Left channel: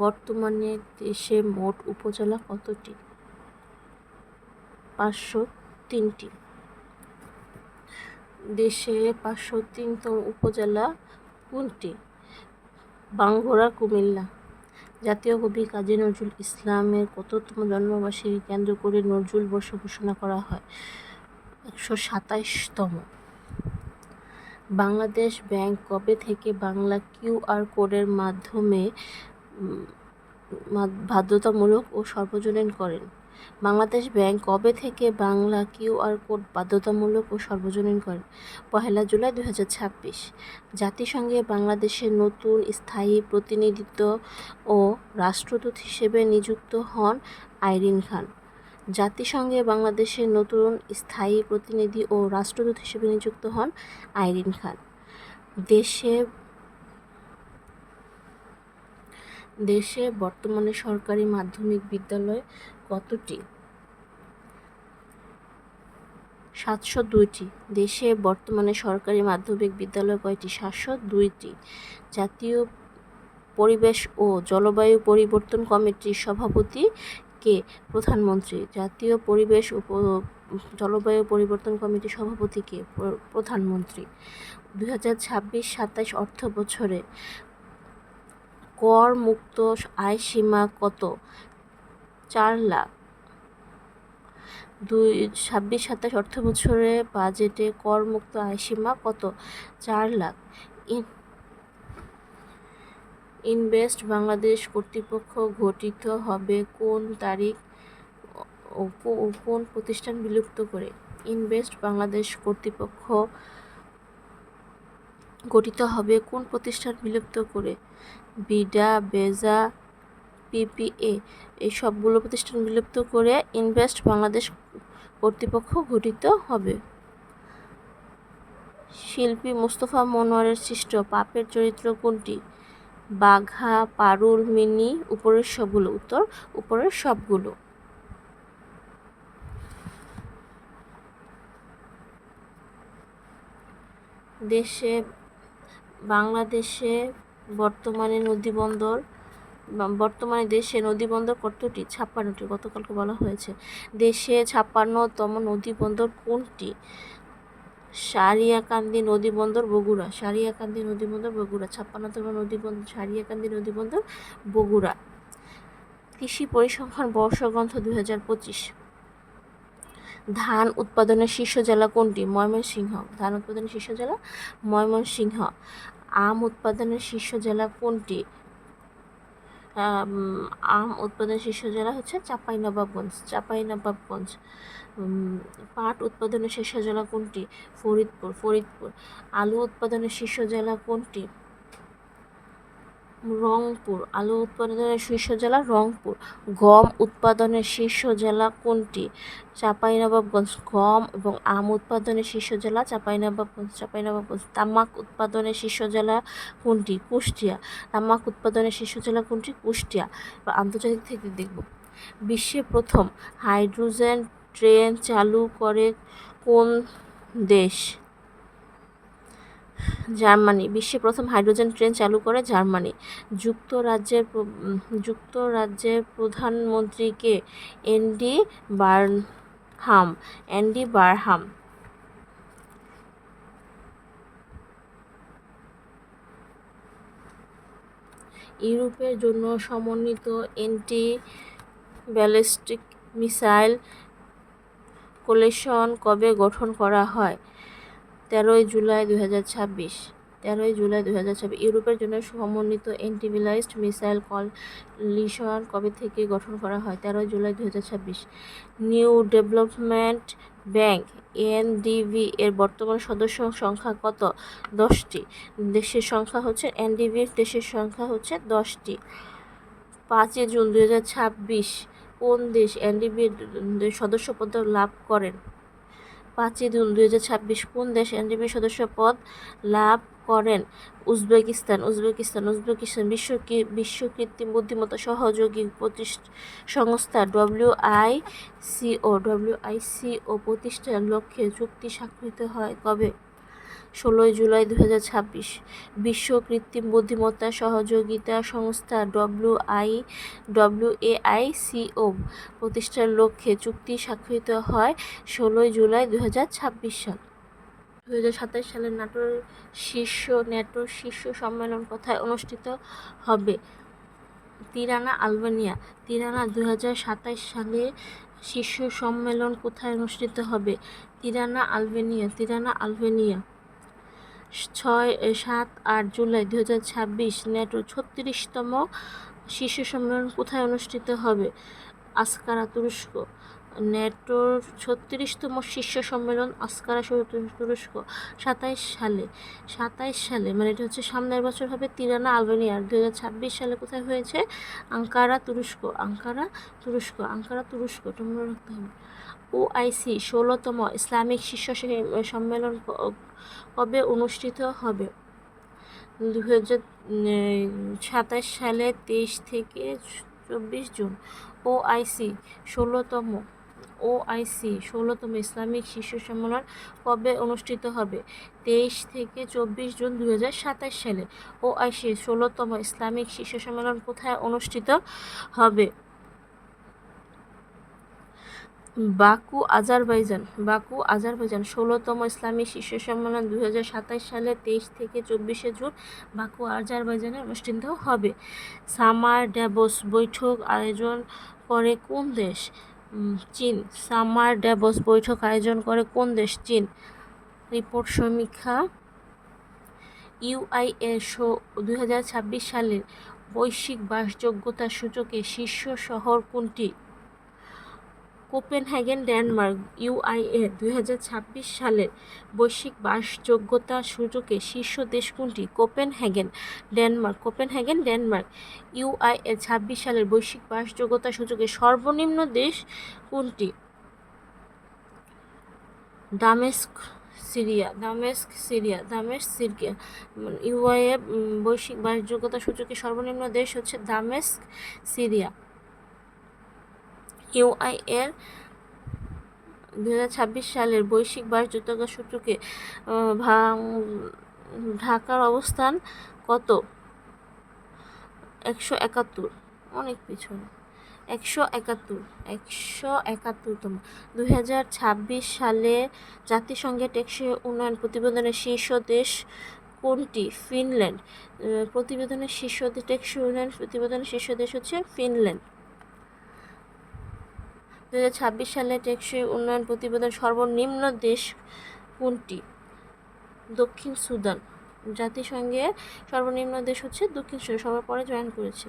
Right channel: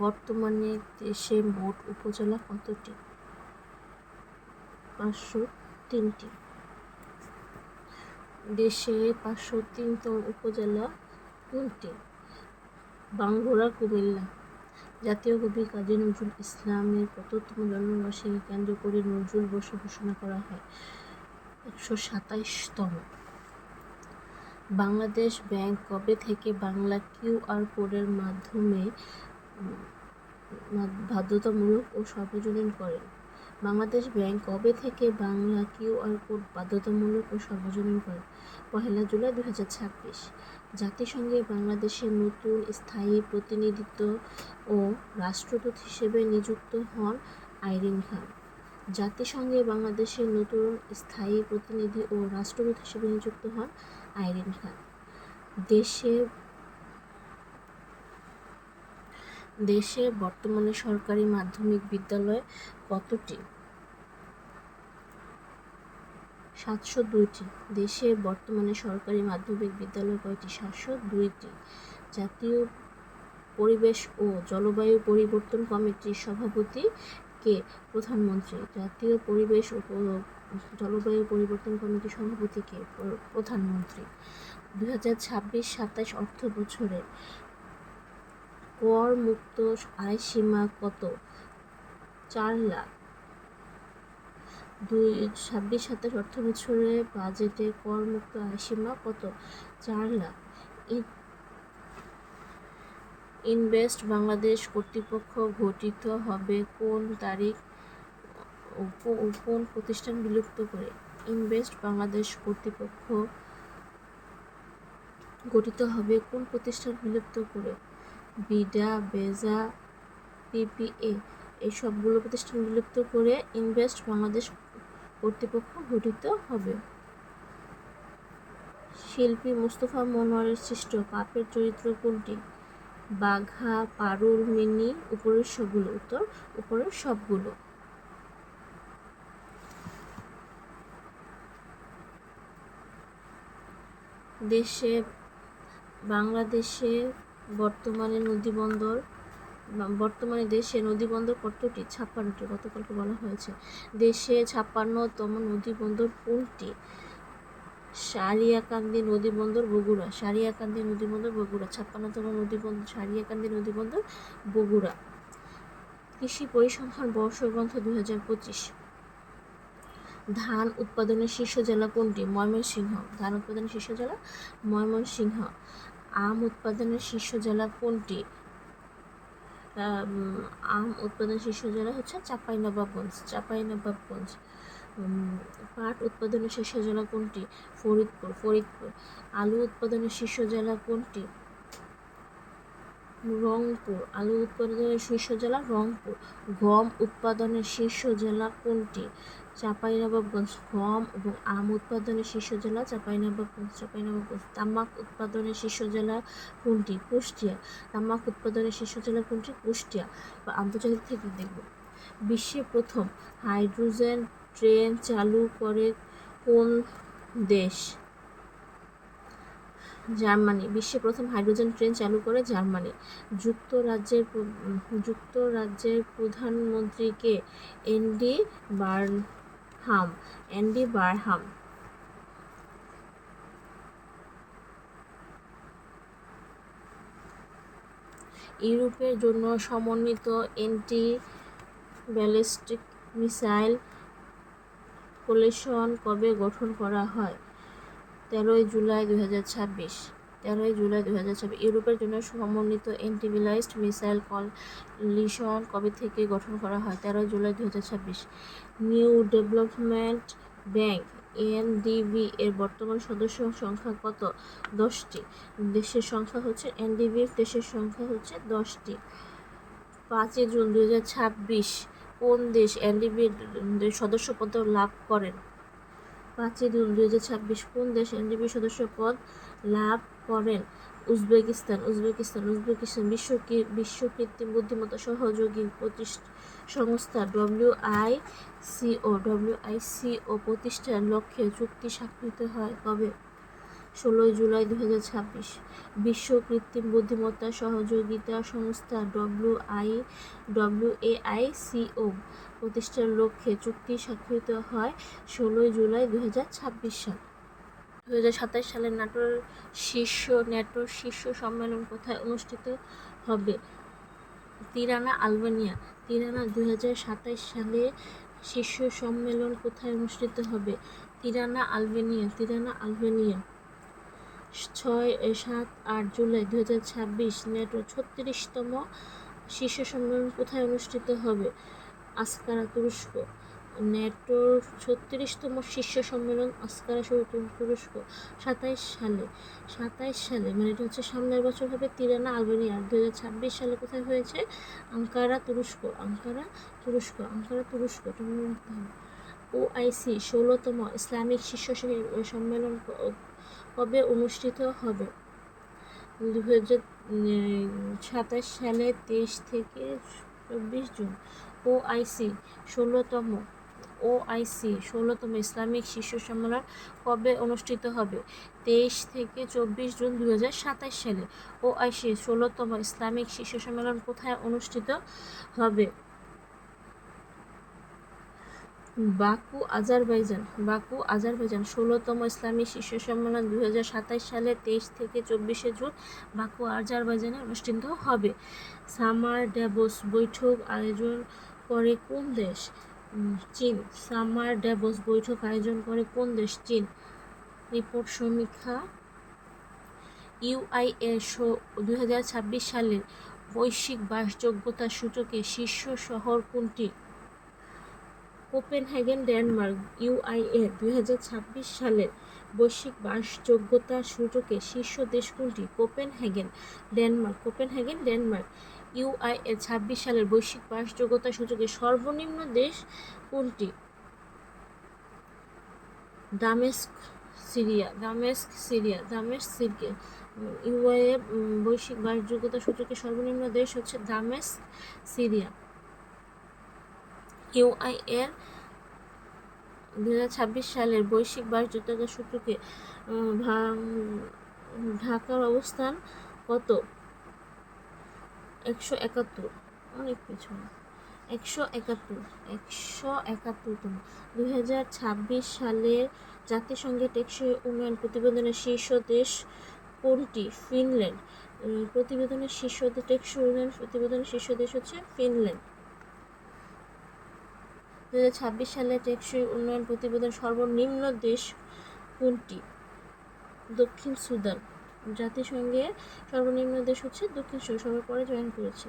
বর্তমানে দেশে মোট উপজেলা কতটি? 503টি। দেশে 503তম উপজেলা কোনটি? বাঙ্গুরা, কুমিল্লা। জাতীয় কবি কাজী নজরুল ইসলামের কততম জন্মবার্ষিকী কেন্দ্র করে নজরুল বর্ষ ঘোষণা করা হয়? 127তম। বাংলাদেশ ব্যাংক কবে থেকে বাংলা কিউআর কোডের মাধ্যমে বাধ্যতামূলক ও সর্বজনীন করেন? বাংলাদেশ ব্যাংক কবে থেকে বাংলা কিউআর কোড বাধ্যতামূলক ও সর্বজনীন করেন? 1 জুলাই 2026। জাতিসংঘে বাংলাদেশের নতুন স্থায়ী প্রতিনিধিত্ব ও রাষ্ট্রদূত হিসেবে নিযুক্ত হন আইরিন খান। জাতিসংঘে বাংলাদেশের নতুন স্থায়ী প্রতিনিধি ও রাষ্ট্রদূত হিসেবে নিযুক্ত হন আইরিন খান। দেশে বর্তমানে সরকারি মাধ্যমিক বিদ্যালয় কতটি? 702টি। দেশে বর্তমানে সরকারি মাধ্যমিক বিদ্যালয় কয়টি? 702টি। জাতীয় পরিবেশ ও জলবায়ু পরিবর্তন কমিটির সভাপতি কে? প্রধানমন্ত্রী। জাতীয় পরিবেশ ও জলবায়ু পরিবর্তন কমিটির সভাপতি কে? প্রধানমন্ত্রী। 2026-27 অর্থ বছরে কর মুক্ত আয় সীমা কত? 4 লাখ। 26-27 অর্থ বছরে বাজেটে কর মুক্ত আয় সীমা কত? 4 লাখ। ইনভেস্ট বাংলাদেশ কর্তৃপক্ষ গঠিত হবে কোন তারিখ ও কোন প্রতিষ্ঠান বিলুপ্ত করে? ইনভেস্ট বাংলাদেশ কর্তৃপক্ষ গঠিত হবে কোন প্রতিষ্ঠান বিলুপ্ত করে? বিডা, বেজা, পিপিএ এই সবগুলো প্রতিষ্ঠান বিলুপ্ত করে ইনভেস্ট বাংলাদেশ কর্তৃপক্ষ গঠিত হবে। শিল্পী মোস্তফা মনোয়ারের সৃষ্ট পাপের চরিত্র কোনটি? বাঘা, পারুল, মিনি। উপরের সবগুলো। উত্তর উপরের সবগুলো। বাংলাদেশে বর্তমানে দেশে নদীবন্দর কতটি? 56টি। গতকালকে বলা হয়েছে। দেশে 56তম নদীবন্দর কোনটি? সারিয়াকান্দি নদীবন্দর, বগুড়া। সারিয়াকান্দি নদীবন্দর, বগুড়া। 56তম নদীবন্দর সারিয়াকান্দি নদীবন্দর, বগুড়া। কৃষি পরিসংখ্যান বর্ষগ্রন্থ 2025। ধান উৎপাদনের শীর্ষ জেলা কোনটি? ময়মনসিংহ। ধান উৎপাদনের শীর্ষ জেলা ময়মনসিংহ। আম উৎপাদনের শীর্ষ জেলা কোনটি? আম উৎপাদনের শীর্ষ জেলা হচ্ছে চাঁপাইনবাবগঞ্জ। পাট উৎপাদনের শীর্ষ জেলা কোনটি? ফরিদপুর। আলু উৎপাদনের শীর্ষ জেলা কোনটি? রংপুর। আলু উৎপাদনের শীর্ষ জেলা রংপুর। গম উৎপাদনের শীর্ষ জেলা কোনটি? চাঁপাইনবাবগঞ্জ। গম এবং আম উৎপাদনের শীর্ষ জেলা চাঁপাইনবাবগঞ্জ। তামাক উৎপাদনের শীর্ষ জেলা কোনটি? কুষ্টিয়া। তামাক উৎপাদনের শীর্ষ জেলা কোনটি? কুষ্টিয়া। আন্তর্জাতিক থেকে দেখব। বিশ্বে প্রথম হাইড্রোজেন ট্রেন চালু করে কোন দেশ? জার্মানি। বিশ্বে প্রথম হাইড্রোজেন ট্রেন চালু করে জার্মানি। যুক্তরাজ্যের প্রধানমন্ত্রী কে? Andy Barham. ইউরোপের জন্য সমন্বিত অ্যান্টি ব্যালিস্টিক মিসাইল কোয়ালিশন কবে গঠন করা হয়? 13 জুলাই 2026। ইউরোপের জন্য সমন্বিত অ্যান্টি ব্যালিস্টিক মিসাইল কোয়ালিশন কবে থেকে গঠন করা হয়? 13 July 2026। New development bank NDB এর বর্তমান সদস্য সংখ্যা কত? 10টি। দেশের সংখ্যা হচ্ছে এনডিবির দেশের সংখ্যা হচ্ছে 10টি। 5 জুন 2026 কোন দেশ এনডিবির সদস্যপদ লাভ করেন? 5 জুন 2026 কোন দেশ এনডিবির সদস্যপদ লাভ করেন? উজবেকিস্তান। বিশ্ব কৃত্রিম বুদ্ধিমত্তা সহযোগী সংস্থা ডব্লিউআইসিও প্রতিষ্ঠার লক্ষ্যে চুক্তি স্বাক্ষরিত হয় কবে? 16 জুলাই 2026। বিশ্ব কৃত্রিম বুদ্ধিমত্তা সহযোগিতা সংস্থা WAICO প্রতিষ্ঠার লক্ষ্যে চুক্তি স্বাক্ষরিত হয় 16 জুলাই 2026 সাল। 2027 সালে ন্যাটোর শীর্ষ সম্মেলন কোথায় অনুষ্ঠিত হবে? Tirana, Albania. 2027 সালে শীর্ষ সম্মেলন কোথায় অনুষ্ঠিত হবে? Tirana, Albania. 7-8 জুলাই 2026 ন্যাটোর 36তম শীর্ষ সম্মেলন কোথায় অনুষ্ঠিত হবে? আঙ্কারা, তুরস্ক। ন্যাটোর 36তম শীর্ষ সম্মেলন আঙ্কারা, তুরস্ক। 27 সালে মানে এটা হচ্ছে সামনের বছর হবে তিরানা, আলবেনিয়া। 2026 সালে কোথায় হয়েছে? আঙ্কারা, তুরস্ক। তোমরা রাখতে হবে। OIC 16তম ইসলামিক শীর্ষ সম্মেলন কবে অনুষ্ঠিত হবে? 2027 সালে 23 থেকে 24 জুন। OIC 16তম ইসলামিক শীর্ষ সম্মেলন কবে অনুষ্ঠিত হবে? 23 থেকে 24 জুন 2027 সালে। OIC 16তম ইসলামিক শীর্ষ সম্মেলন কোথায় অনুষ্ঠিত হবে? Baku, Azerbaijan. 16তম ইসলামী শীর্ষ সম্মেলন 2027 সালে 23 থেকে 24 জুন বাকু, আজারবাইজানে অনুষ্ঠিত হবে। সামার ড্যাভোস বৈঠক আয়োজন করে কোন দেশ? চীন। সামার ড্যাভোস বৈঠক আয়োজন করে কোন দেশ? চীন। রিপোর্ট সমীক্ষা। UIA 2026 সালের বৈশ্বিক বাসযোগ্যতা সূচকে শীর্ষ শহর কোনটি? Copenhagen, Denmark. UIA 2026 সালের বৈশ্বিক বাসযোগ্যতা সূচকে শীর্ষ দেশ কোনটি? Copenhagen, Denmark. UIA 26 সালের বৈশ্বিক বাসযোগ্যতা সূচকে সর্বনিম্ন দেশ কোনটি? দামেস্ক, সিরিয়া। UIA বৈশ্বিক বাসযোগ্যতা সূচকে সর্বনিম্ন দেশ হচ্ছে দামেস্ক, সিরিয়া। UIA 2026 সালের বৈশ্বিক বাসযোগ্যতা সূচকে ঢাকার অবস্থান কত? 171, অনেক পেছনে। 171তম। 2026 সালে জাতিসংঘের টেকসই উন্নয়ন প্রতিবেদনের শীর্ষ দেশ কোনটি? ফিনল্যান্ড। টেকসই উন্নয়ন প্রতিবেদনের শীর্ষ দেশ হচ্ছে ফিনল্যান্ড। 2026 সালে টেকসই উন্নয়ন প্রতিবেদন সর্বনিম্ন দেশ কোনটি? দক্ষিণ সুদান। জাতিসংঘে সর্বনিম্ন দেশ হচ্ছে দক্ষিণ সুদান, সবার পরে জয়েন করেছে।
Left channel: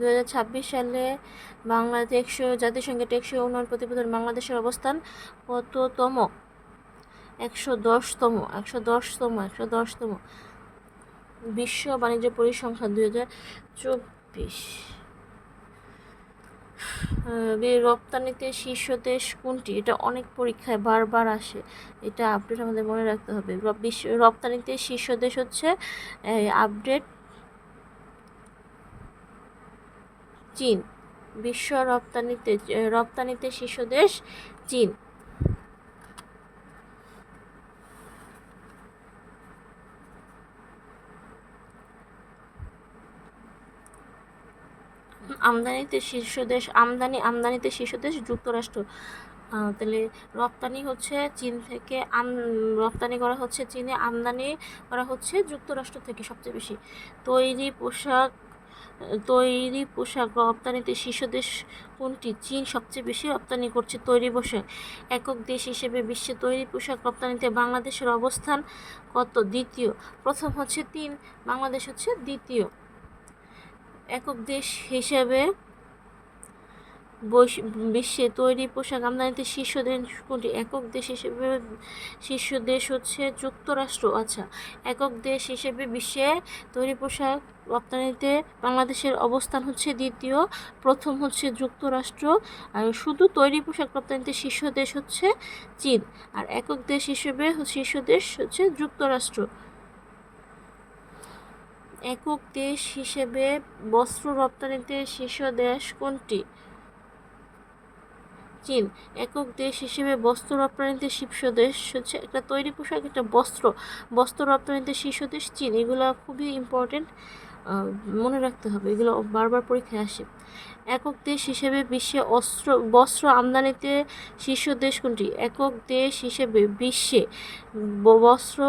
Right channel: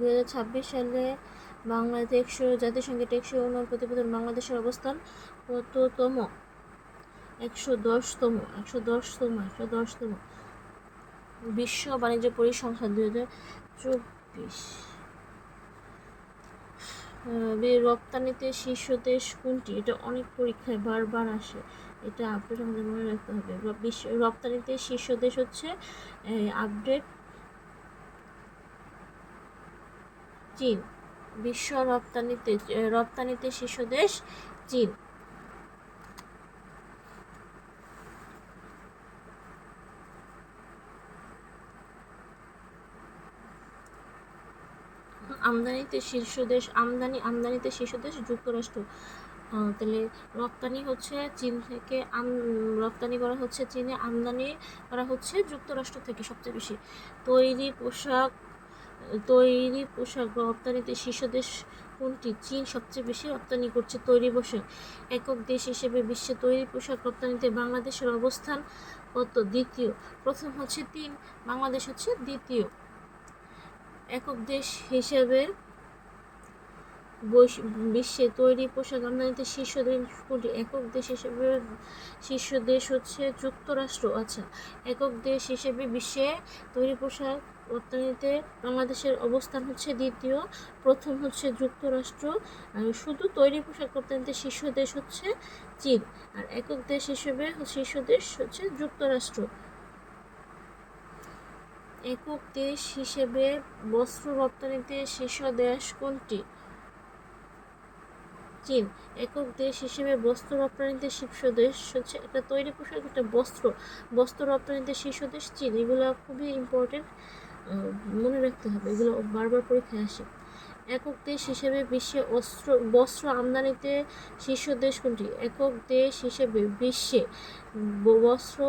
2026 সালে জাতিসংঘের টেকসই উন্নয়ন প্রতিবেদন বাংলাদেশের অবস্থান কততম? 110তম। বিশ্ব বাণিজ্য পরিসংখ্যান 2024। রপ্তানিতে শীর্ষ দেশ কোনটি? এটা অনেক পরীক্ষায় বারবার আসে, এটা আপডেট আমাদের মনে রাখতে হবে। রপ্তানিতে শীর্ষ দেশ হচ্ছে চীন। বিশ্ব রপ্তানিতে শীর্ষ দেশ চীন। আমদানিতে শীর্ষ দেশ যুক্তরাষ্ট্র। তাহলে রপ্তানি হচ্ছে চীন থেকে, রপ্তানি করা হচ্ছে চীনে, আমদানি করা হচ্ছে যুক্তরাষ্ট্র থেকে সবচেয়ে বেশি। তৈরি পোশাক রপ্তানিতে শীর্ষ দেশ কোনটি? চীন সবচেয়ে বেশি রপ্তানি করছে তৈরি পোশাক। একক দেশ হিসেবে বিশ্বে তৈরি পোশাক রপ্তানিতে বাংলাদেশের অবস্থান কত? দ্বিতীয়। প্রথম হচ্ছে চীন, বাংলাদেশ হচ্ছে দ্বিতীয়। একক দেশ হিসেবে বিশ্বে তৈরি পোশাক আমদানিতে শীর্ষ দেশ কোনটি? একক দেশ হিসেবে শীর্ষ দেশ হচ্ছে যুক্তরাষ্ট্র। আচ্ছা, একক দেশ হিসেবে বিশ্বে তৈরি পোশাক রপ্তানিতে বাংলাদেশের অবস্থান হচ্ছে দ্বিতীয়, প্রথম হচ্ছে যুক্তরাষ্ট্র। আর শুধু তৈরি পোশাক রপ্তানিতে শীর্ষ দেশ হচ্ছে চীন, আর একক দেশ হিসেবে শীর্ষ দেশ হচ্ছে যুক্তরাষ্ট্র। একক দেশ হিসেবে বস্ত্র রপ্তানিতে শীর্ষ দেশ কোনটি? চীন। একক দেশ হিসেবে বস্ত্র রপ্তানিতে শীর্ষ দেশ হচ্ছে একটা তৈরি পোশাক, একটা বস্ত্র রপ্তানিতে শীর্ষ দেশ চীন। এগুলো খুবই ইম্পর্টেন্ট, মনে রাখতে হবে, এগুলো বারবার পরীক্ষায় আসে। একক দেশ হিসেবে বিশ্বে বস্ত্র আমদানিতে শীর্ষ দেশ কোনটি? একক দেশ হিসেবে বিশ্বে বস্ত্র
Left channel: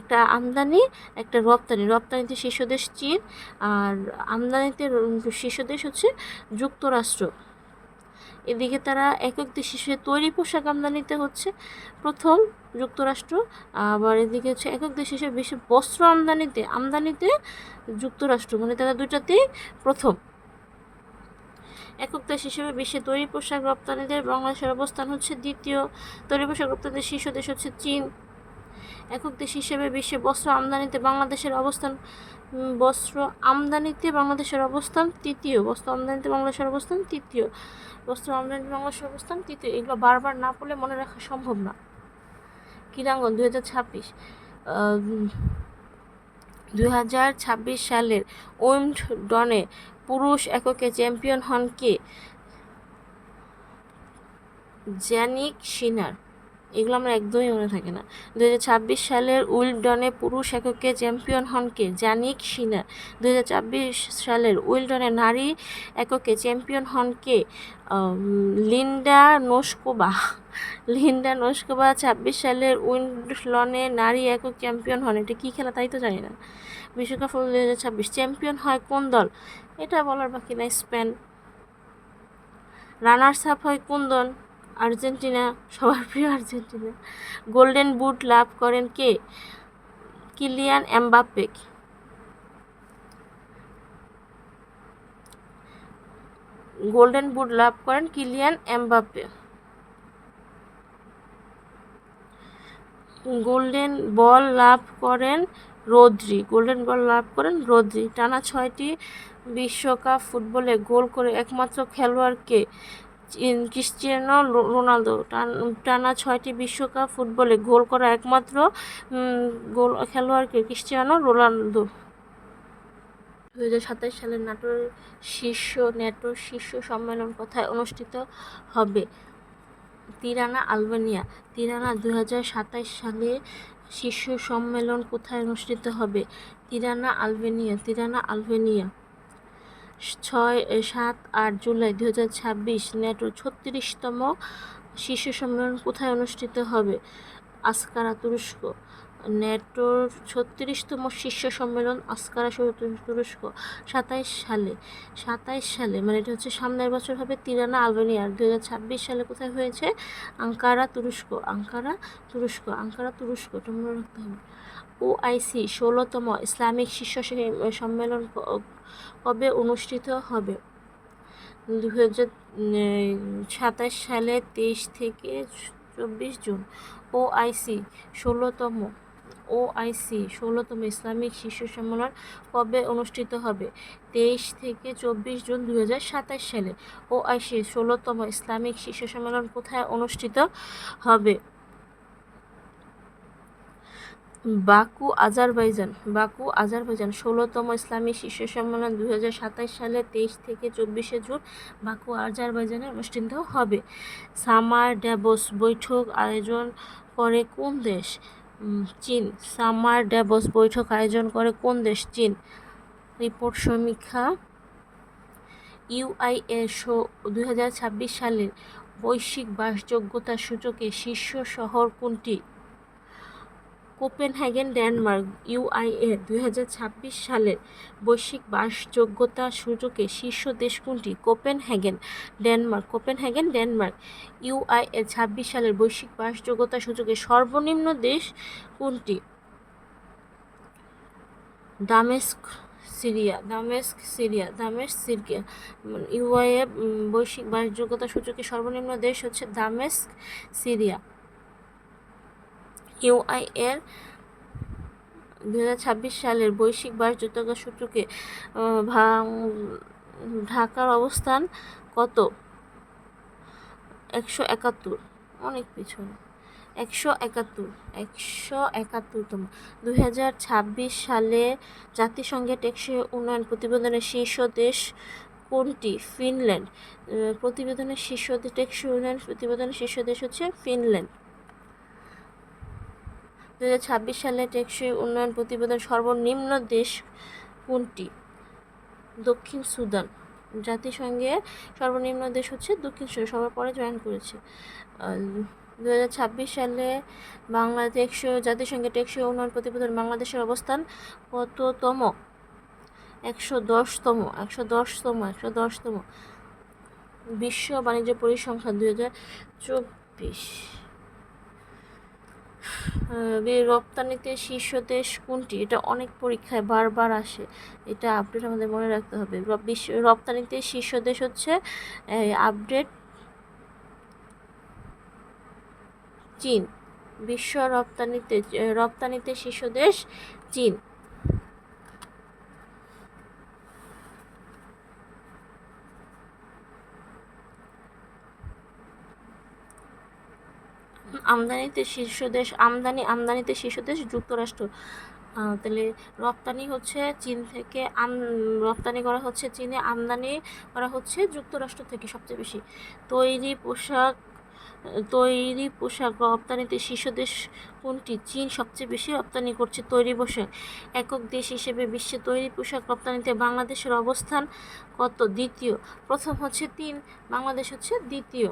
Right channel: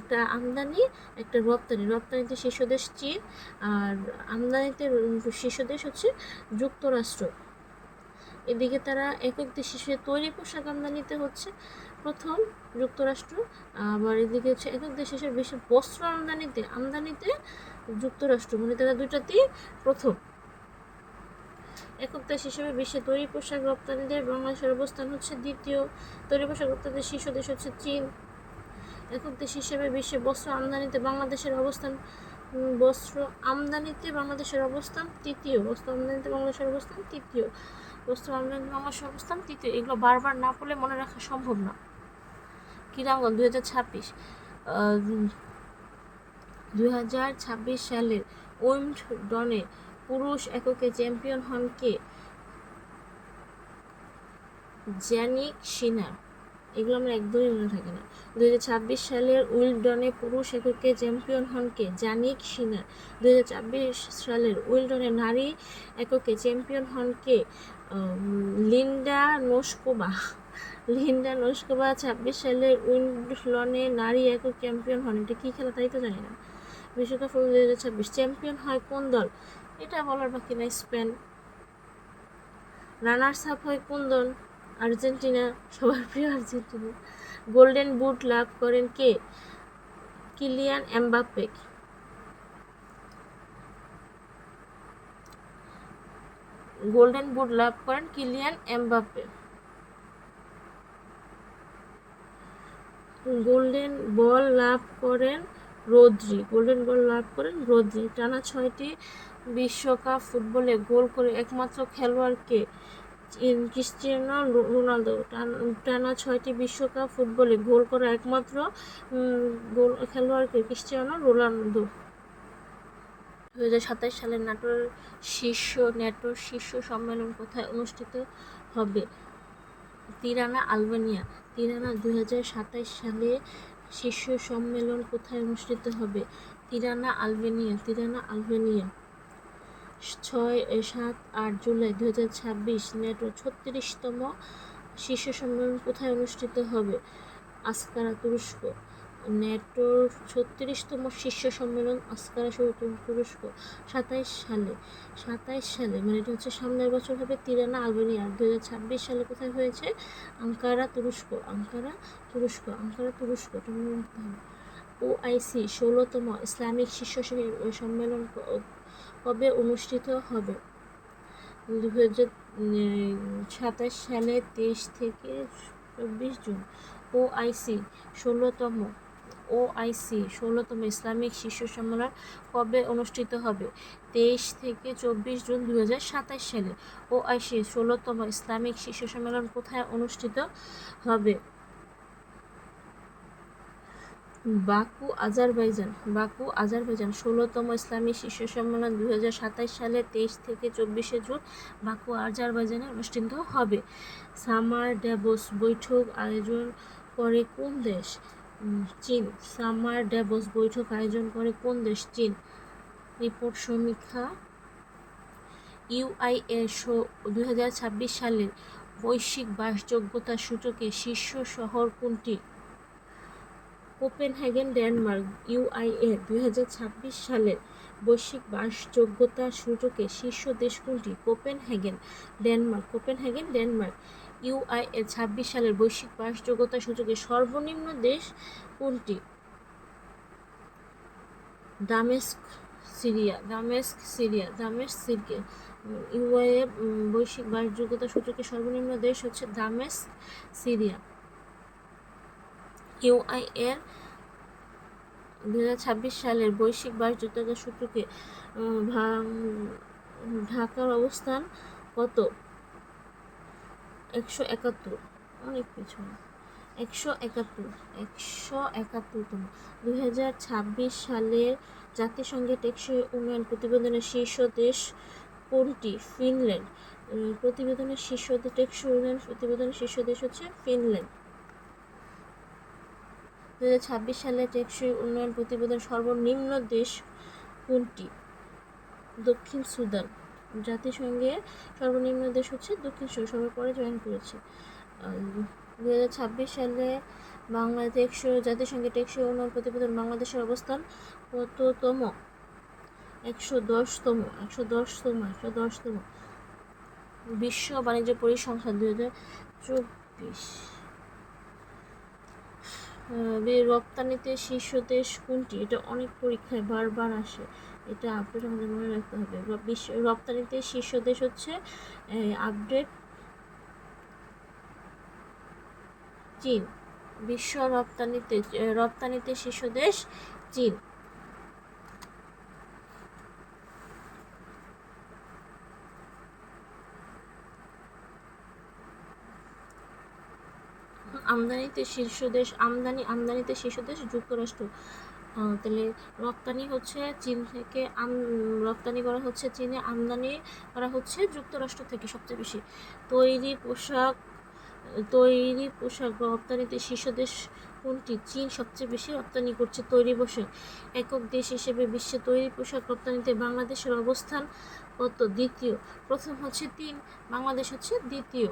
একটা আমদানি একটা রপ্তানিতে শীর্ষ দেশ চীন, আর আমদানিতে শীর্ষ দেশ হচ্ছে যুক্তরাষ্ট্র। এদিকে তারা একক দেশ হিসেবে তৈরি পোশাক আমদানিতে হচ্ছে প্রথম যুক্তরাষ্ট্র, আবার এদিকে হচ্ছে একক দেশ হিসেবে বিশ্বে বস্ত্র আমদানিতে যুক্তরাষ্ট্র, মানে তারা দুইটাতেই প্রথম। একক দেশ হিসেবে বিশ্বে তৈরি পোশাক রপ্তানিতে বাংলাদেশের অবস্থান হচ্ছে দ্বিতীয়। তৈরি পোশাক রপ্তানিতে শীর্ষ দেশ হচ্ছে চীন। একক দেশ হিসেবে বিশ্বে বস্ত্র আমদানিতে বাংলাদেশের অবস্থান তৃতীয়। এগুলো বারবার না পড়লে মনে রাখা সম্ভব না। ক্রীড়াঙ্গন 2026 সালের উইম্বলডনে পুরুষ এককে চ্যাম্পিয়ন হন কে? জ্যানিক সিনার। এগুলো আমরা একদমই মনে থাকে না। 2026 সালের উইম্বলডনে পুরুষ এককে চ্যাম্পিয়ন হন কে? জ্যানিক সিনার। 2026 সালের উইম্বলডনে নারী এককে চ্যাম্পিয়ন হন কে? লিন্ডা নোস্কোভা। 26 সালের উইম্বলডনে নারী একক চ্যাম্পিয়ন হন। এটা কী খেলা তাই তো জানি না। বিশ্বকাপ 2026 চ্যাম্পিয়ন হয় কোন দল? এটা বলার বাকি নাই, স্পেন। রানার্স আপ হয় কোন দল? আর্জেন্টিনা, সবার প্রিয় আর্জেন্টিনা। গোল্ডেন বুট লাভ করেন কে? Kylian Mbappe. গোল্ডেন বুট লাভ করেন কিলিয়ান এমবাপ্পে। গোল্ডেন বল লাভ করেন রদ্রি। টানা 6টি বিশ্বকাপ ফুটবলে গোল করে একমাত্র খেলোয়াড় কে? Cristiano Ronaldo. টানা 6টি বিশ্বকাপ ফুটবলে গোল করা একমাত্র খেলোয়াড় কে? Cristiano Ronaldo. 2027 সালের ন্যাটোর শীর্ষ সম্মেলন কোথায় অনুষ্ঠিত হবে? Tirana, Albania. 2027 সালে শীর্ষ সম্মেলন কোথায় অনুষ্ঠিত হবে? Tirana, Albania. 7-8 জুলাই 2026 ন্যাটোর 36তম শীর্ষ সম্মেলন কোথায় অনুষ্ঠিত হবে? আঙ্কারা, তুরস্ক। ন্যাটোর 36তম শীর্ষ সম্মেলন আঙ্কারা, তুরস্ক। 27 সালে মানে এটা হচ্ছে সামনের বছর হবে তিরানা, আলবেনিয়া। 2026 সালে কোথায় হয়েছে? আঙ্কারা, তুরস্ক। এটা মনে রাখতে হবে। OIC 16তম ইসলামিক শীর্ষ সম্মেলন কবে অনুষ্ঠিত হবে? 2027 সালে 23 থেকে 24 জুন। OIC 16তম ইসলামিক শীর্ষ সম্মেলন কবে অনুষ্ঠিত হবে? 23 থেকে 24 জুন 2027 সালে। OIC 16তম ইসলামিক শীর্ষ সম্মেলন কোথায় অনুষ্ঠিত হবে? Baku, Azerbaijan. 16তম ইসলামী শীর্ষ সম্মেলন 2027 সালে 23 থেকে 24 জুন বাকু, আজারবাইজানে অনুষ্ঠিত হবে। সামার ড্যাভোস বৈঠক আয়োজন করে কোন দেশ? চীন। সামার ড্যাভোস বৈঠক আয়োজন করে কোন দেশ? চীন। রিপোর্ট সমীক্ষা UIA 2026 সালের বৈশ্বিক বাসযোগ্যতা সূচকে শীর্ষ শহর কোনটি? Copenhagen, Denmark. UIA 2026 সালের বৈশ্বিক বাসযোগ্যতা সূচকে শীর্ষ দেশ কোনটি? Copenhagen, Denmark. UIA 26 সালের বৈশ্বিক বাসযোগ্যতা সূচকে সর্বনিম্ন দেশ কোনটি? দামেস্ক, সিরিয়া। UIA বৈশ্বিক বাসযোগ্যতা সূচকে সর্বনিম্ন দেশ হচ্ছে দামেস্ক, সিরিয়া। UIA 2026 সালের বৈশ্বিক বাসযোগ্যতা সূচকে ঢাকার অবস্থান কত? 171, অনেক পিছনে। 171তম। 2026 সালে জাতিসংঘের টেকসই উন্নয়ন প্রতিবেদনের শীর্ষ দেশ কোনটি? ফিনল্যান্ড। প্রতিবেদনের শীর্ষ দেশ, টেকসই উন্নয়ন প্রতিবেদনের শীর্ষ দেশ হচ্ছে ফিনল্যান্ড। 2026 সালে টেকসই উন্নয়ন প্রতিবেদন সর্বনিম্ন দেশ কোনটি? দক্ষিণ সুদান। জাতিসংঘে সর্বনিম্ন দেশ হচ্ছে দক্ষিণ সুদান, সবার পরে জয়েন করেছে। 2026 সালে জাতিসংঘের টেকসই উন্নয়ন প্রতিবেদন বাংলাদেশের অবস্থান কততম? 110তম। বিশ্ব বাণিজ্য পরিসংখ্যান 2024। রপ্তানিতে শীর্ষ দেশ কোনটি? এটা অনেক পরীক্ষায় বারবার আসে, এটা আপডেট আমাদের মনে রাখতে হবে। রপ্তানিতে শীর্ষ দেশ হচ্ছে আপডেট চীন। বিশ্ব রপ্তানিতে শীর্ষ দেশ চীন। আমদানিতে শীর্ষ দেশ যুক্তরাষ্ট্র। তাহলে রপ্তানি হচ্ছে চীন থেকে, রপ্তানি করা হচ্ছে চীনে, আমদানি করা হচ্ছে যুক্তরাষ্ট্র থেকে সবচেয়ে বেশি। তৈরি পোশাক রপ্তানিতে শীর্ষ দেশ কোনটি? চীন সবচেয়ে বেশি রপ্তানি করছে তৈরি পোশাক। একক দেশ হিসেবে বিশ্বে তৈরি পোশাক রপ্তানিতে বাংলাদেশের অবস্থান কত? দ্বিতীয়। প্রথম হচ্ছে চীন, বাংলাদেশ হচ্ছে দ্বিতীয়।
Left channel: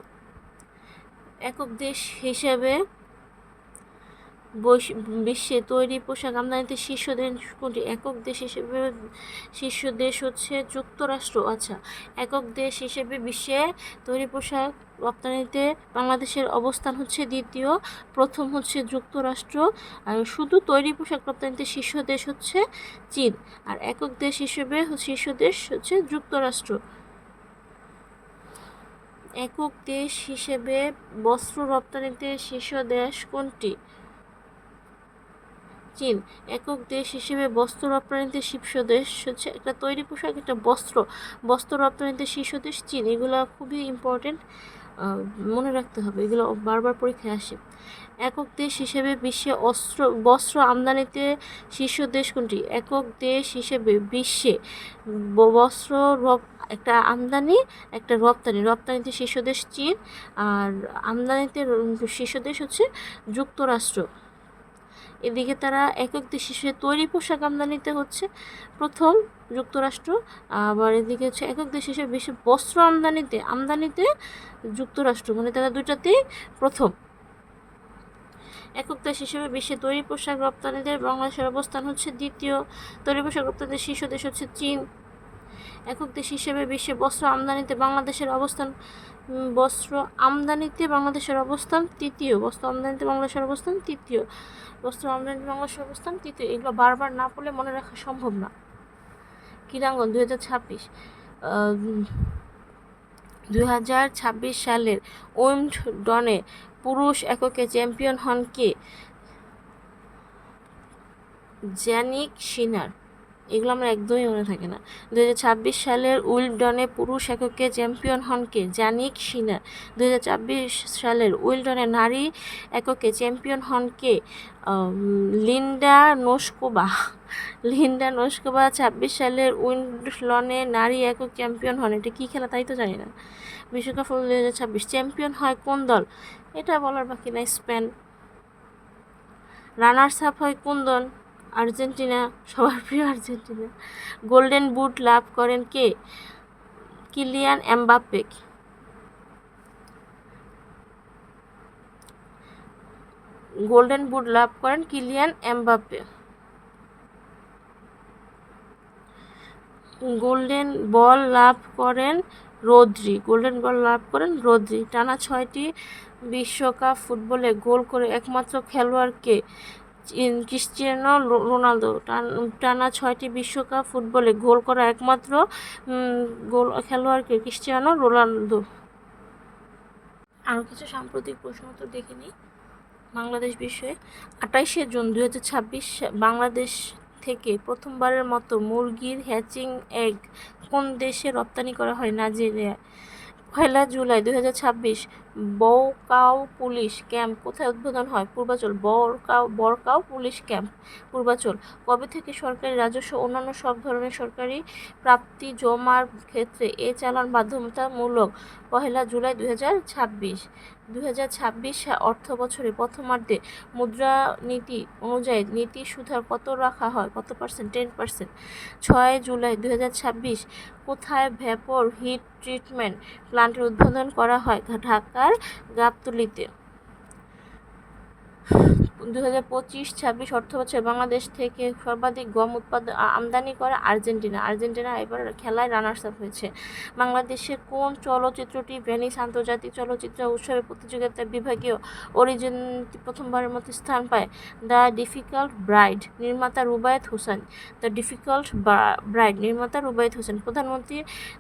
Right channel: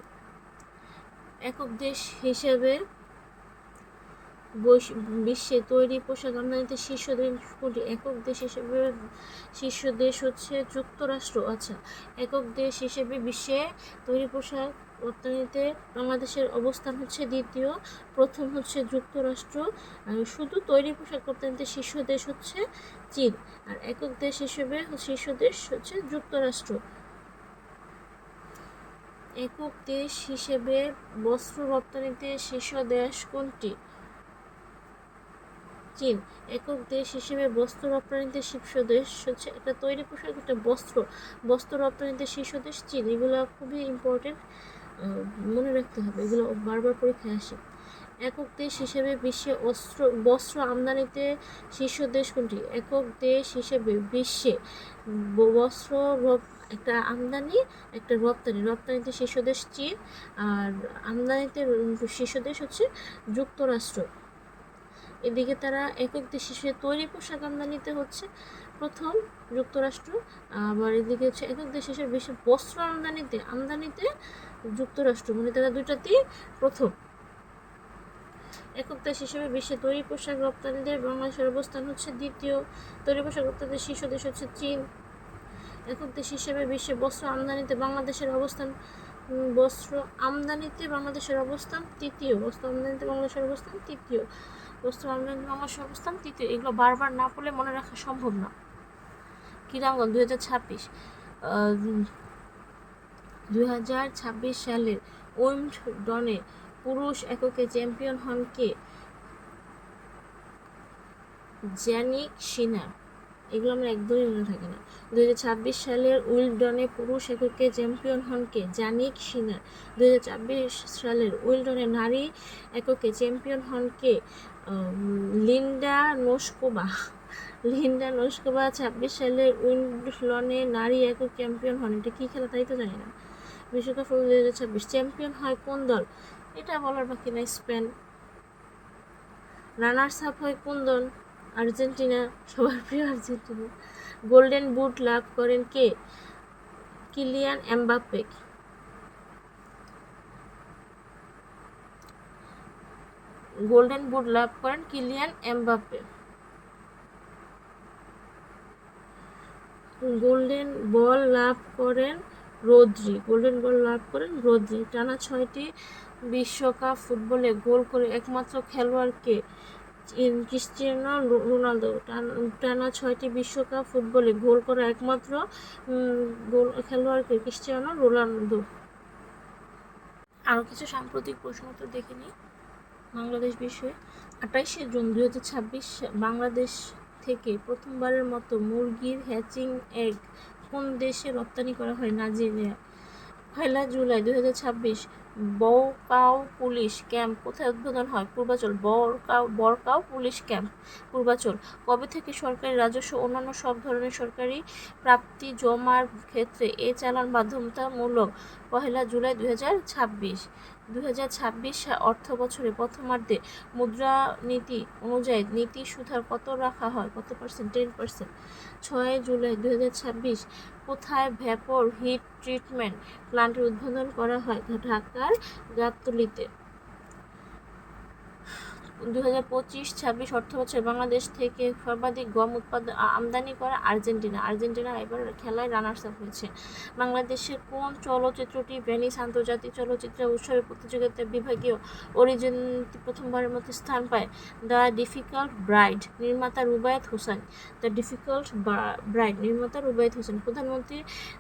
একক দেশ হিসেবে বিশ্বে তৈরি পোশাক আমদানিতে শীর্ষ দেশ কোনটি? একক দেশ হিসেবে শীর্ষ দেশ হচ্ছে যুক্তরাষ্ট্র। আচ্ছা, একক দেশ হিসেবে বিশ্বে তৈরি পোশাক রপ্তানিতে বাংলাদেশের অবস্থান হচ্ছে দ্বিতীয়, প্রথম হচ্ছে যুক্তরাষ্ট্র। আর শুধু তৈরি পোশাক রপ্তানিতে শীর্ষ দেশ হচ্ছে চীন, আর একক দেশ হিসেবে শীর্ষ দেশ হচ্ছে যুক্তরাষ্ট্র। একক দেশ হিসেবে বস্ত্র রপ্তানিতে শীর্ষ দেশ কোনটি? চীন। একক দেশ হিসেবে বস্ত্র রপ্তানিতে শীর্ষ দেশ হচ্ছে, একটা তৈরি পোশাক, একটা বস্ত্র রপ্তানিতে শীর্ষ দেশ চীন। এগুলো খুবই ইম্পর্টেন্ট, মনে রাখতে হবে, এগুলো বারবার পরীক্ষায় আসে। একক দেশ হিসেবে বিশ্বে বস্ত্র আমদানিতে শীর্ষ দেশ কোনটি? একক দেশ হিসেবে বিশ্বে বস্ত্র একটা আমদানি, একটা রপ্তানিতে শীর্ষ দেশ চীন, আর আমদানিতে শীর্ষ দেশ হচ্ছে যুক্তরাষ্ট্র। এদিকে তারা একক দেশ হিসেবে তৈরি পোশাক আমদানিতে হচ্ছে প্রথম যুক্তরাষ্ট্র, আবার এদিকে হচ্ছে একক দেশ হিসেবে বিশ্ব বস্ত্র আমদানিতে যুক্তরাষ্ট্র, মানে তারা দুইটাতেই প্রথম। একক দেশ হিসেবে বিশ্বে তৈরি পোশাক রপ্তানিতে বাংলাদেশের অবস্থান হচ্ছে দ্বিতীয়। তৈরি পোশাক রপ্তানিতে শীর্ষ দেশ হচ্ছে চীন। একক দেশ হিসেবে বিশ্বে বস্ত্র আমদানিতে বাংলাদেশের অবস্থান তৃতীয়। এগুলো বারবার না পড়লে মনে রাখা সম্ভব না। ক্রীড়াঙ্গন 2026 সালের উইম্বলডনে পুরুষ এককে চ্যাম্পিয়ন হন কে? জ্যানিক সিনার। এগুলো আমরা একদমই মনে থাকে না। 2026 সালের উইম্বলডনে পুরুষ এককে চ্যাম্পিয়ন হন কে? জ্যানিক সিনার। 2026 সালের উইম্বলডনে নারী এককে চ্যাম্পিয়ন হন কে? লিন্ডা নোস্কোভা। 26 সালের উইম্বলডনে নারী একক চ্যাম্পিয়ন হন। এটা কী খেলা তাই তো জানি না। বিশ্বকাপ 2026 চ্যাম্পিয়ন হয় কোন দল? এটা বলার বাকি নাই, স্পেন। রানার্স আপ হয় কোন দল? আর্জেন্টিনা, সবার প্রিয় আর্জেন্টিনা। গোল্ডেন বুট লাভ করেন কে? Kylian Mbappe. গোল্ডেন বুট লাভ করেন কিলিয়ান এমবাপ্পে। গোল্ডেন বল লাভ করেন রদ্রি। টানা 6টি বিশ্বকাপ ফুটবলে গোল করে একমাত্র খেলোয়াড় কে? Cristiano Ronaldo. টানা 6টি বিশ্বকাপ ফুটবলে গোল করা একমাত্র খেলোয়াড়কে? Cristiano Ronaldo. আরও কিছু সাম্প্রতিক প্রশ্ন উত্তর দেখে নিই বাংলাদেশ বিষয়ে। 28 জুন 2026 বাংলাদেশ থেকে প্রথমবারের মতো মুরগির হ্যাচিং এগ কোন দেশে রপ্তানি করা হয়? নাইজেরিয়া। জুলাই 2026 বরকাও পুলিশ ক্যাম্প কোথায় উদ্বোধন হয়? পূর্বাচল। বরকাও পুলিশ ক্যাম্প পূর্বাচল। কবে থেকে সরকারি রাজস্ব অন্যান্য সব ধরনের সরকারি প্রাপ্তি জমার ক্ষেত্রে চালান বাধ্যতামূলক? জুলাই 2026 অর্থ বছরের প্রথমার্ধে মুদ্রানীতি অনুযায়ী নীতি সুদহার কত রাখা হয়? কত %? 10%। জুলাই 2026 কোথায় ভেপর হিট ট্রিটমেন্ট প্লান্টের উদ্বোধন করা হয়? ঢাকার গাবতলীতে। 2025-26 অর্থবছরে বাংলাদেশ থেকে সর্বাধিক গম আমদানি করে আর্জেন্টিনা এবার খেলায় রানার্স আপ হয়েছে। বাংলাদেশের কোন চলচ্চিত্রটি ভেনিস আন্তর্জাতিক চলচ্চিত্র উৎসবের প্রতিযোগিতায় বিভাগীয় অরিজিনতে প্রথমবারের মতো স্থান পায়? দ্য ডিফিকাল্ট ব্রাইড, নির্মাতা রুবায়েত হোসেন। প্রধানমন্ত্রী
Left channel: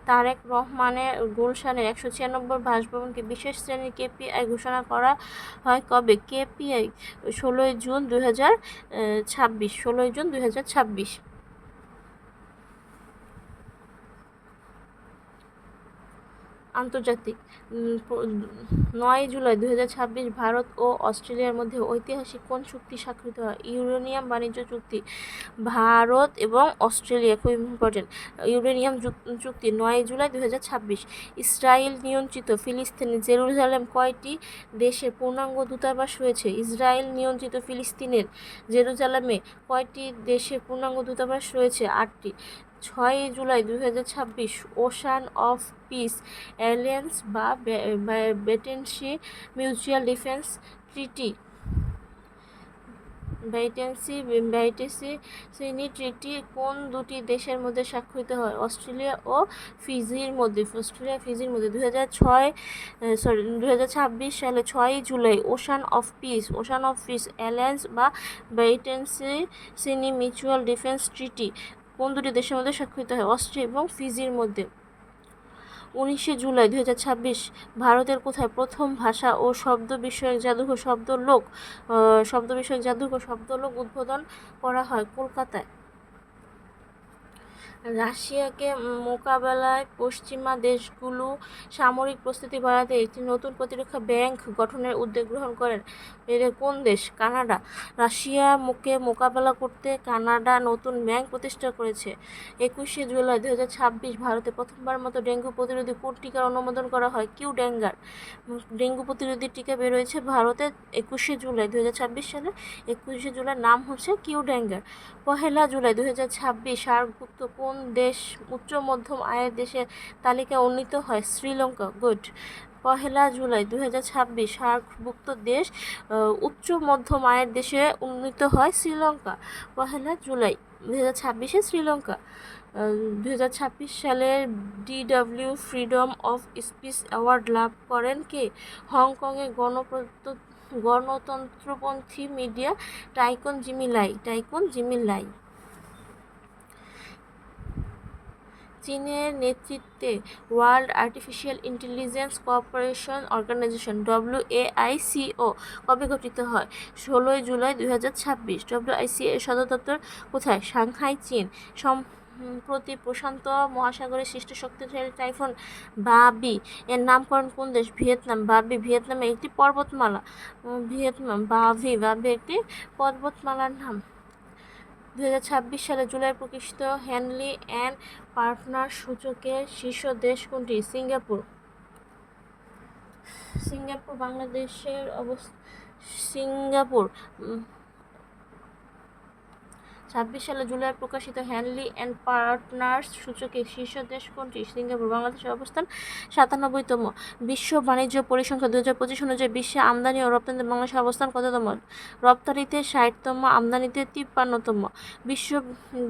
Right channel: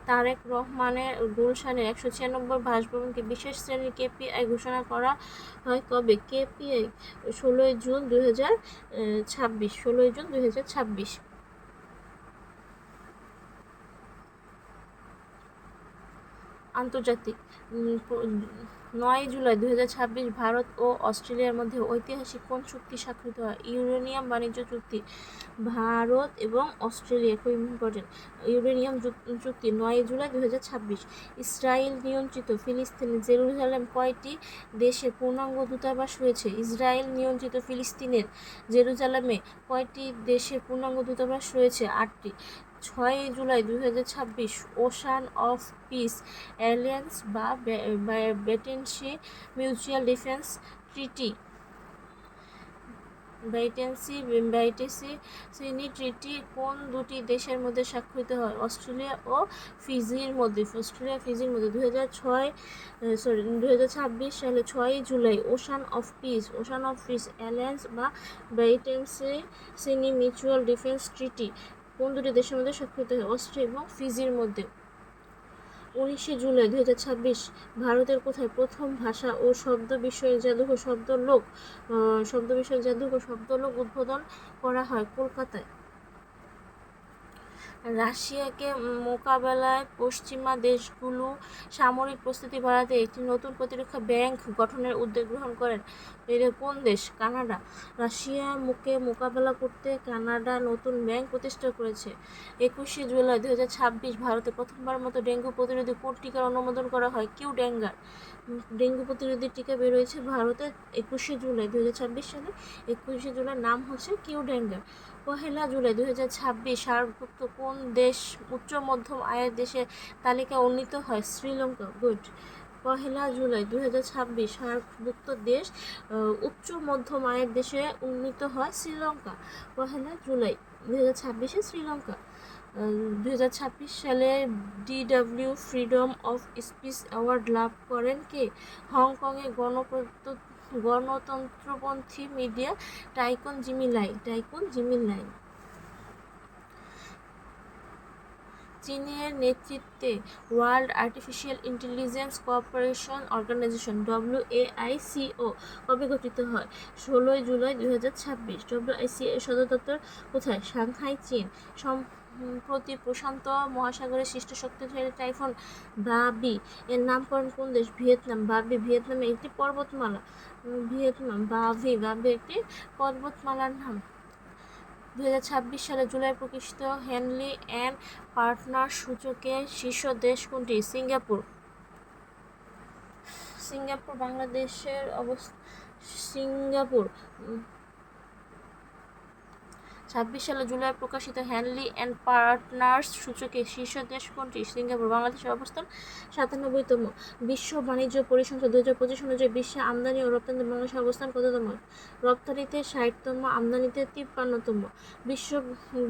তারেক রহমানের গুলশানের 196 বাসভবনকে বিশেষ শ্রেণীর কেপিআই ঘোষণা করা হয় কবে? KPI 16 June 2026। আন্তর্জাতিক 9 জুলাই 2026 ভারত ও অস্ট্রেলিয়ার মধ্যে ঐতিহাসিক কোন চুক্তি স্বাক্ষরিত হয়? ইউরেনিয়াম বাণিজ্য চুক্তি। ভারত এবং অস্ট্রেলিয়া খুব ইম্পর্টেন্ট। ইউরেনিয়াম চুক্তি 9 জুলাই 2026। ইসরায়েল নিয়ন্ত্রিত ফিলিস্তিনের জেরুজালেম কয়টি দেশে পূর্ণাঙ্গ দূতাবাস রয়েছে? ইসরায়েল নিয়ন্ত্রিত ফিলিস্তিনের জেরুজালেমে কয়টি দেশে পূর্ণাঙ্গ দূতাবাস রয়েছে? 8টি। 6 July 2026 ocean of piece alliance বা ব্যাটেনসি মিউচুয়াল ডিফেন্স ট্রিটি ট্রিটি কোন দুটি দেশের মধ্যে স্বাক্ষরিত হয়? অস্ট্রেলিয়া ও ফিজির মধ্যে। 2026 সালে 6 July ocean of piece alliance বা ব্যাটেনসি মিউচুয়াল ডিফেন্স ট্রিটি কোন দুটি দেশের মধ্যে স্বাক্ষরিত হয়? অস্ট্রিয়া এবং ফিজির মধ্যে। 19 জুলাই 2026 ভারতের কোথায় প্রথম ভাষা ও শব্দ বিষয়ক জাদুঘর শব্দলোক উদ্বোধন করা হয়? কলকাতায়। রাশিয়াকে মোকাবেলায় পশ্চিমা দেশগুলো সামরিক প্রস্তুতি বাড়াতে একটি নতুন প্রতিরক্ষা ব্যাংক গঠনের উদ্যোগ গ্রহণ করেন। এর কোন দেশ? কানাডা। রাশিয়াকে মোকাবেলা করতে কানাডা নতুন ব্যাংক প্রতিষ্ঠা করেছে। 21 জুলাই 2026 ভারতে প্রথমবার মতো ডেঙ্গু প্রতিরোধী কোন টিকার অনুমোদন করা হয়? কিউ ডেঙ্গার। ডেঙ্গু প্রতিরোধী টিকা বের হয়েছে ভারতে 21 জুলাই 2026 সালে। 21 জুলাই নাম হচ্ছে কিউ ডেঙ্গার। 1 জুলাই 2026 সার্কভুক্ত কোন দেশ উচ্চ মধ্যম আয়ের দেশের তালিকায় উন্নীত হয়? শ্রীলঙ্কা। গুড। 1 জুলাই 2026 সার্কভুক্ত দেশ উচ্চ মধ্যম আয়ের দেশে উন্নীত হয় শ্রীলঙ্কা। 1 জুলাই 2026 শ্রীলঙ্কা। 2026 সালের DW freedom of speech award লাভ করেন কে? হংকংয়ের গণতন্ত্রপন্থী মিডিয়া টাইকুন জিমি লাই। চীনের নেতৃত্বে world artificial intelligence cooperation organisation WAICO কবে গঠিত হয়? 16 জুলাই 2026। WAICO এর সদর দপ্তর কোথায়? সাংহাই, চীন। সম্প্রতি প্রশান্ত মহাসাগরে সৃষ্ট শক্তিশালী টাইফুন বাবি এর নামকরণ কোন দেশ? ভিয়েতনাম। বাবি ভিয়েতনামের একটি পর্বতমালা। বাবি একটি পর্বতমালার নাম। 2026 সালে জুলাই প্রকাশিত হেনলি অ্যান্ড পার্টনার সূচকের শীর্ষ দেশ কোনটি? সিঙ্গাপুর। বাংলাদেশের সিঙ্গাপুর। 26 সালে জুলাই প্রকাশিত হেনলি অ্যান্ড পার্টনার্স সূচকের শীর্ষ দেশ কোনটি? সিঙ্গাপুর। বাংলাদেশের অবস্থান 97তম। বিশ্ব বাণিজ্য পরিসংখ্যান 2025 অনুযায়ী বিশ্বে আমদানি ও রপ্তানিতে বাংলাদেশের অবস্থান কততম? রপ্তানিতে 60তম, আমদানিতে 53তম। বিশ্ব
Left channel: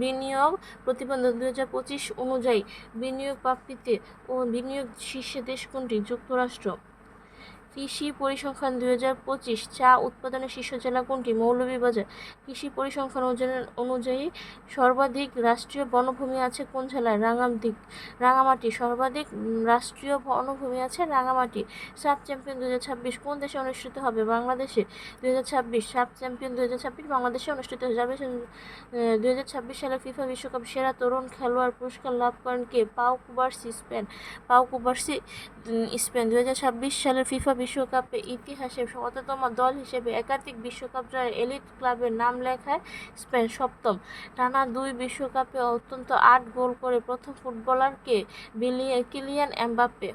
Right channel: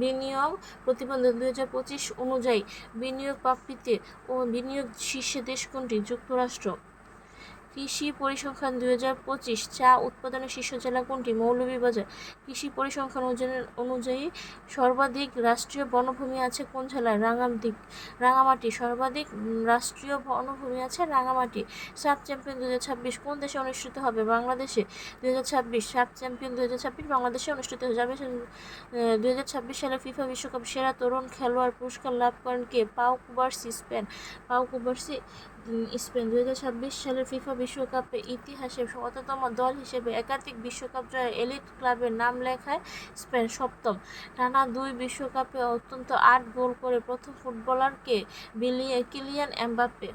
বিনিয়োগ প্রতিবেদন 2025 অনুযায়ী বিনিয়োগ প্রাপ্তিতে ও বিনিয়োগ শীর্ষে দেশ কোনটি? যুক্তরাষ্ট্র। কৃষি পরিসংখ্যান 2025 চা উৎপাদনের শীর্ষ জেলা কোনটি? মৌলভীবাজার। কৃষি পরিসংখ্যান অনুযায়ী সর্বাধিক রাষ্ট্রীয় বনভূমি আছে কোন জেলায়? রাঙামাটি। সর্বাধিক রাষ্ট্রীয় বনভূমি আছে রাঙামাটি। সাফ চ্যাম্পিয়ন 2026 কোন দেশে অনুষ্ঠিত হবে? বাংলাদেশে। 2026 সাফ চ্যাম্পিয়ন 2026 বাংলাদেশে অনুষ্ঠিত হবে। 2026 সালে ফিফা বিশ্বকাপ সেরা তরুণ খেলোয়াড় পুরস্কার লাভ করেন কে? পাউ কুবার্সি, স্পেন। 2026 সালের ফিফা বিশ্বকাপে ইতিহাসে শততম দল হিসেবে একাধিক বিশ্বকাপ জয়ে এলিট ক্লাবের নাম লেখায় স্পেন। সপ্তম, টানা 2 বিশ্বকাপে অন্তত 8 গোল করে প্রথম ফুটবলার কে? Kylian Mbappe.